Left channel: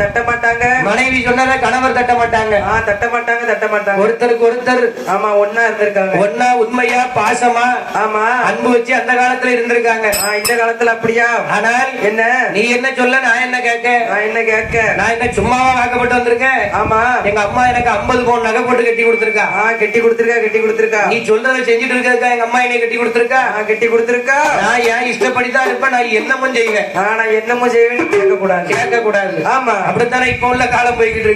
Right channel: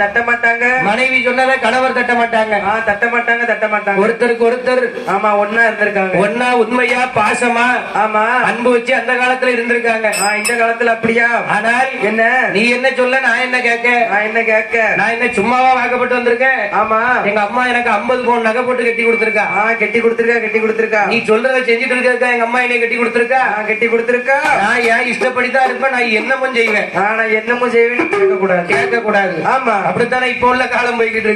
தட்ட மாட்டாங்க. மனைவி சொன்னதை கணவர் தட்ட மாட்டாங்க. தட்ட மாட்டாங்க, தட்ட மாட்டாங்க. ஒருத்தருக்கு ஒருத்தர் ஆமா ஒன்னா இருந்திருக்காங்க. ஒன்னா உண்மையா பாசமா ஆமா அன்பு வச்சு அந்த காலத்துல இருந்திருக்காங்க. இந்த காலத்துல அப்படியா? ஆனால் என்ன நீ என்ன சொல்ல, நான் என்ன கேட்க? நான் என்ன சும்மாவா வாக்கப்பட்டு வந்திருக்கேன்? ஆமா எங்க அம்மா எனக்கு 50 பவுன் நகை போட்டு கட்டி கொடுத்திருக்கா. கட்டி கொடுத்திருக்கா. நீ சொல்றதை செஞ்சுட்டு இருக்கா. எங்க அம்மா என்னை கட்டி கொடுத்திருக்கா. நான் ஏன் இஷ்டப்படிதான் இருப்பேன். நான் என்னமும் செய்வேன். நான் என்னமோ செய்வேன் கேட்க கூடாது. ஆமா அப்படித்தானே இப்ப உள்ள காலம் போய்கிட்டு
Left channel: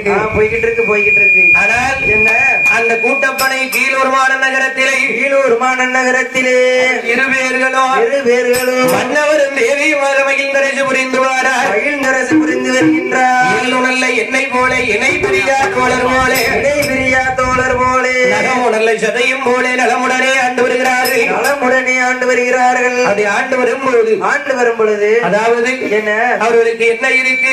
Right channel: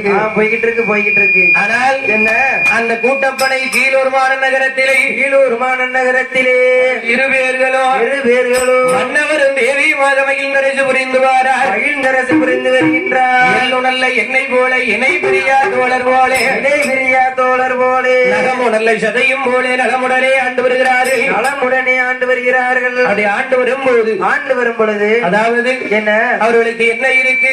இருக்கு. ஆனால் என்ன அந்த கூட்டப்படை கீழூர் மாநகரத்திலே இரு பேர்களும் மன்னவரும் தேவியுமாக மகிழ்ந்தரசு புரிந்து வருகின்றார். நல்ல எண்ணெய் போல இணை பிரியா தோழர் போலே நகமு நல்ல சதையும் போலே நலமுடனே ஆண்டு வருகிறார்கள். அப்படி ஆண்டு வரும் பொழுது அதாவது என்ன அவர்களுக்கு என்ன இருக்கு?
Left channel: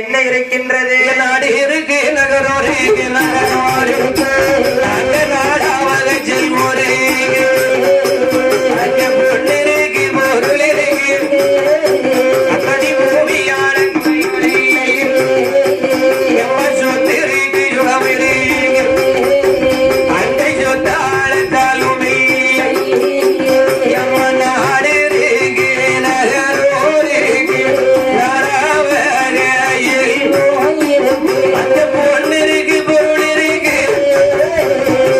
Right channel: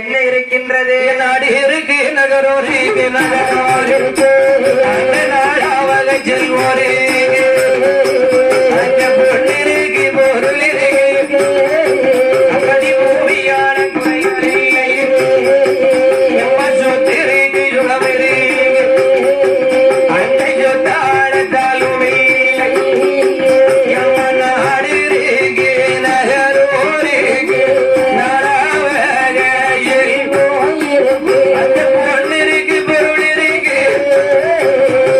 என்ன இருக்கின்றது? நாடு இருக்கு, நகரோடு நாடாவாக செல்வோரே, அங்க பொண்ணிருக்கு, பொருள் இருக்கு, அப்படி பூமியான சொத்து இருக்கு, சுகம் இருக்கு, அந்த சொத்தான காலுமே நாடு இருக்கு, நகரோடு இருக்கு, அந்த பொண்ணு இருக்கு, பொருள் இருக்கு,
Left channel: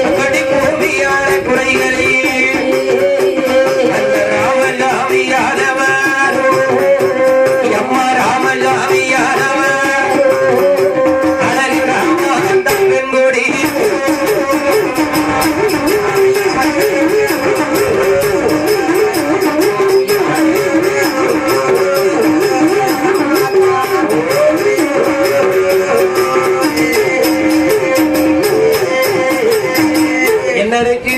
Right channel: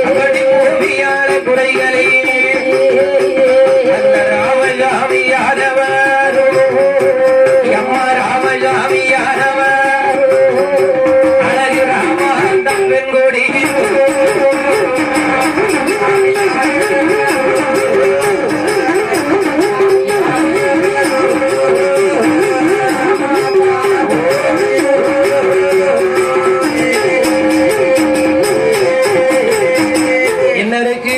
அப்படி பூமியான குறைகளே அந்த ராமசாமி யாதவர், அம்மா ராமசாமி யாதவர், அழகு ராமாந்தம் பெண்கொடி என்ன இருக்கு?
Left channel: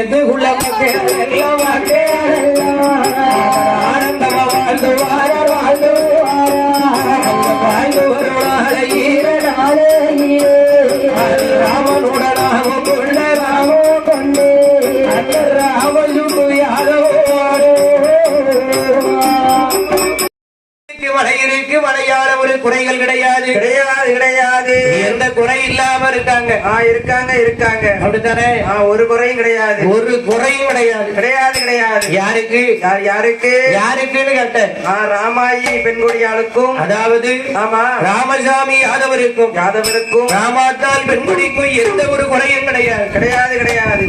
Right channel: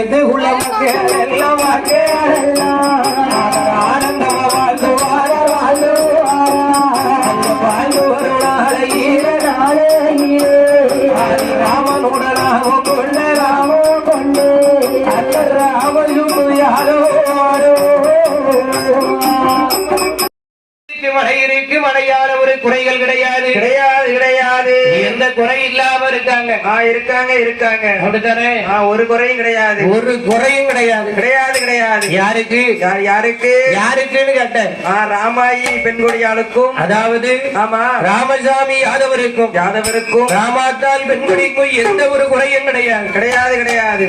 எது உலக ஆனந்தமா வாழ்ந்து வாழ்ந்து வருவார ராமனுடனாக கொண்டு அந்த ராமஜு யாரோ மழை இருக்கு, மழையால ஒரு குறைகள் கிடையாது. எந்த குறை இல்லாம இருக்காங்க. அப்படித்தானே? ஒரு குறையும் கிடையாது. யாருக்குன்னு கேட்டேன். ராமாயி பெண்குடியாளுக்கும், அதாவது ஆமா ராமசாமி யாதவருக்கும் ராமாத்தால் பெண்குடிக்கும் எந்த ஒரு குறையும் கிடையாது.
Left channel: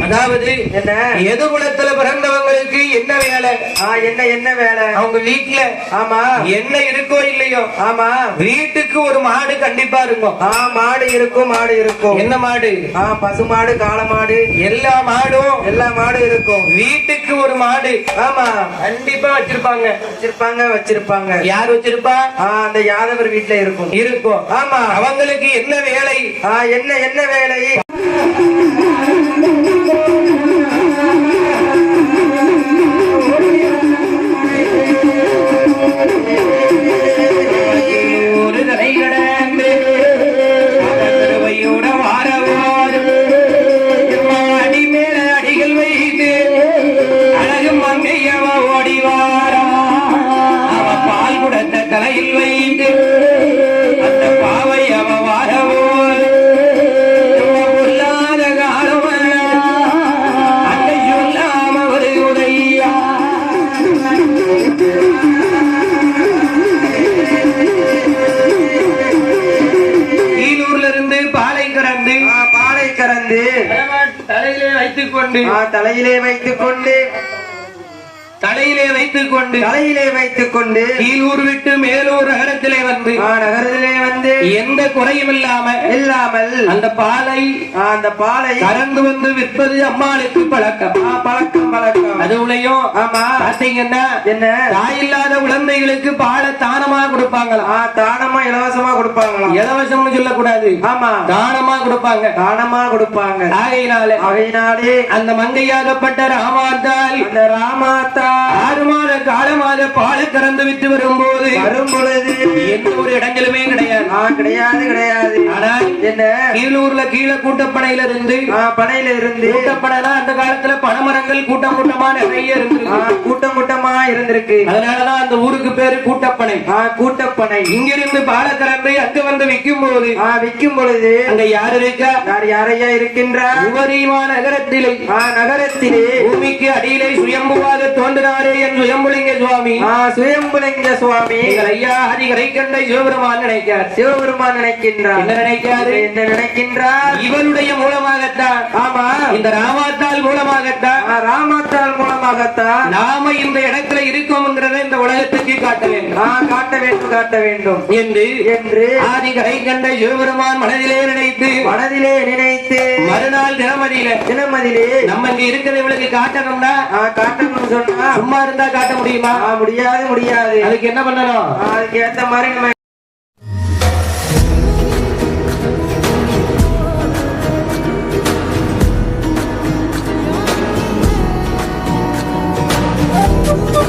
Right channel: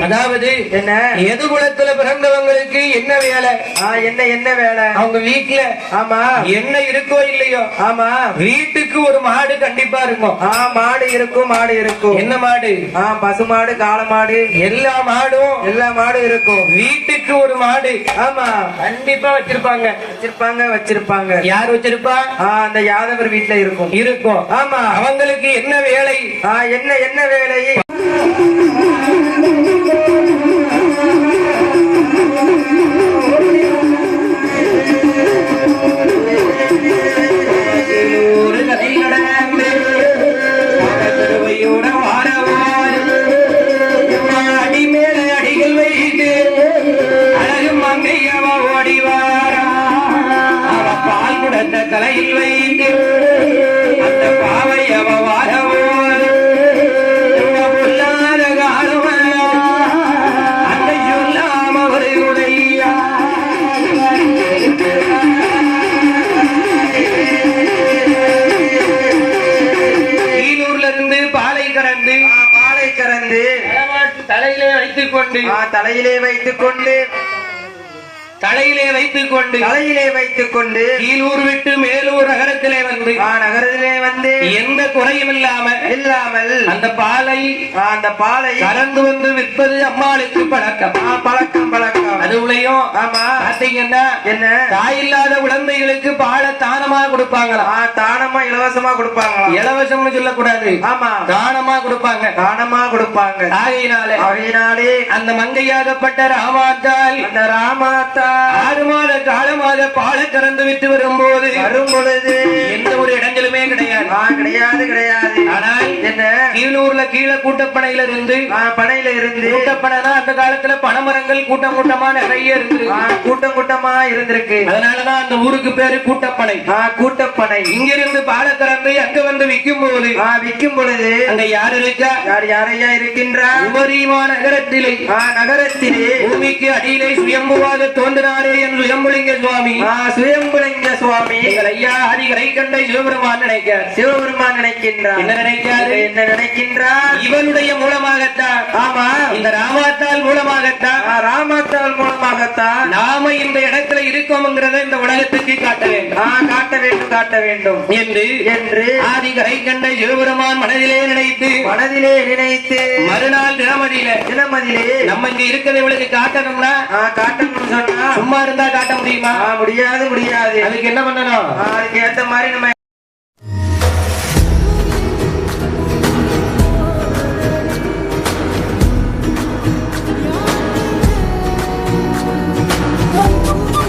அதாவது என்ன எது குலத்துல பிறந்தவங்களுக்கு என்ன வேலை? என்ன வேலை? அவங்க வீட்டுல ஆமா என்ன இருக்கோ இல்லையோ, ஆமா வீட்டுக்கு ஒரு மாடு கண்டிப்பா இருக்கும். மாடு இருக்கும். என்ன மாடு? பசு மாடு, காளை மாடு, எல்லா மாடும் இருக்கும். வீட்டுக்கு ஒரு மாடு ஆமா கண்டிப்பா வச்சிருப்பாங்க. யார் வச்சிருப்பா? அந்த யாதவர் வீட்டுல இருக்கும். ஆமா அவங்களுக்கு என்ன வேலை? என்ன வேலை? தலையில் வைத்து அந்த பாவை அவ வாரவோடு உள்ளாத காலம் அன்னை சொல்லாம அவர்களுடைய ஈலூர்ல இருந்து பாலை கறந்து தலையிலே வைத்துக் கொண்டு கீழூர் விட்டு மேலூர் நகரத்திலே வந்து எந்த குறையும் இல்லாமல் அந்த பாலை கறந்து வந்து விற்பது அம்மாளுக்கு பழக்கம். அதுலயும் ஆமா பாத்தீங்கன்னா என்ன தாயில்லாத குழந்தைகளுக்கு பாலை தானமா கொடுப்பாங்களா? தானமா இலவசமா கொடுப்பாங்களா? இலவசம்னு சொல்லக்கூடாது. ஆமா தானமா கொடுப்பாங்க. ஆகையினாலே அந்த மங்கையாகப்பட்ட ராமாத்தால் 6 மாத காலமாக பாலை கறந்து விட்டு வரும்போது வரும் பொழுது எந்த ஒரு இடங்களுமே கிடையாது. கிடையாது கிடையாது. ஆனால் என்ன கீழூர்ல கீழே கூட்டப்பனையில இருந்து பனையில இருந்து கூட்டப்பனைனா அந்த காலத்துல பனைமரங்கள் கூட்டம் கூட்டமா நிறைய இருந்து கூட்டம் கூட்டமா இருந்திருக்கு. அதனாலதான் அந்த ஊருக்கு பேரு கூட்டப்பனை. கூட்டப்பனை. இங்கிருந்து பாலை கறந்து அங்க வந்து விற்கும் போது விற்கும் பொழுது அங்க யார் இருக்கா? யாரையா இருக்கின்றார்? உபரிமா நகரத்திலே நகரத்திலே பூமிக்கு அடியிலே சுயம்புவாக தோன்றினாரே என் சுயம்புலிங்க சுவாமி. சுயம்புலிங்க சுவாமி எங்கள் ஐயா ஹரிகரை கண்டை சிவபெருமான் நினைக்கிறார். சிவபெருமான் நினைக்கின்றார். என்ன நினைக்கிறாரு? என்ன நினைக்கின்றார்? இவனுடைய மூலமாகத்தான், ஆமா இந்த ராமாத்தால் மூலமாகத்தான், ராமாத்தால் மூலமாகத்தான் நாம இந்த இடத்துல இருக்கோம்ங்கிறத இந்த உலகத்துக்கு காட்ட வேண்டும். காட்ட வேண்டும் காட்ட வேண்டும் என்று ஆதிகரை கண்டை சிவபெருமான் மனதிலே நினைத்து மறுநாள் தினமதியிலே நம்ம இங்க இருக்கிற இவளுக்கு காட்டணும்னா சொன்னா சும்மா இருந்தா காட்ட முடியுமா? முடியாது. அதுக்கு என்ன பண்ணணும்? அதுக்கு ஏத்த மாதிரி நம்ம Oh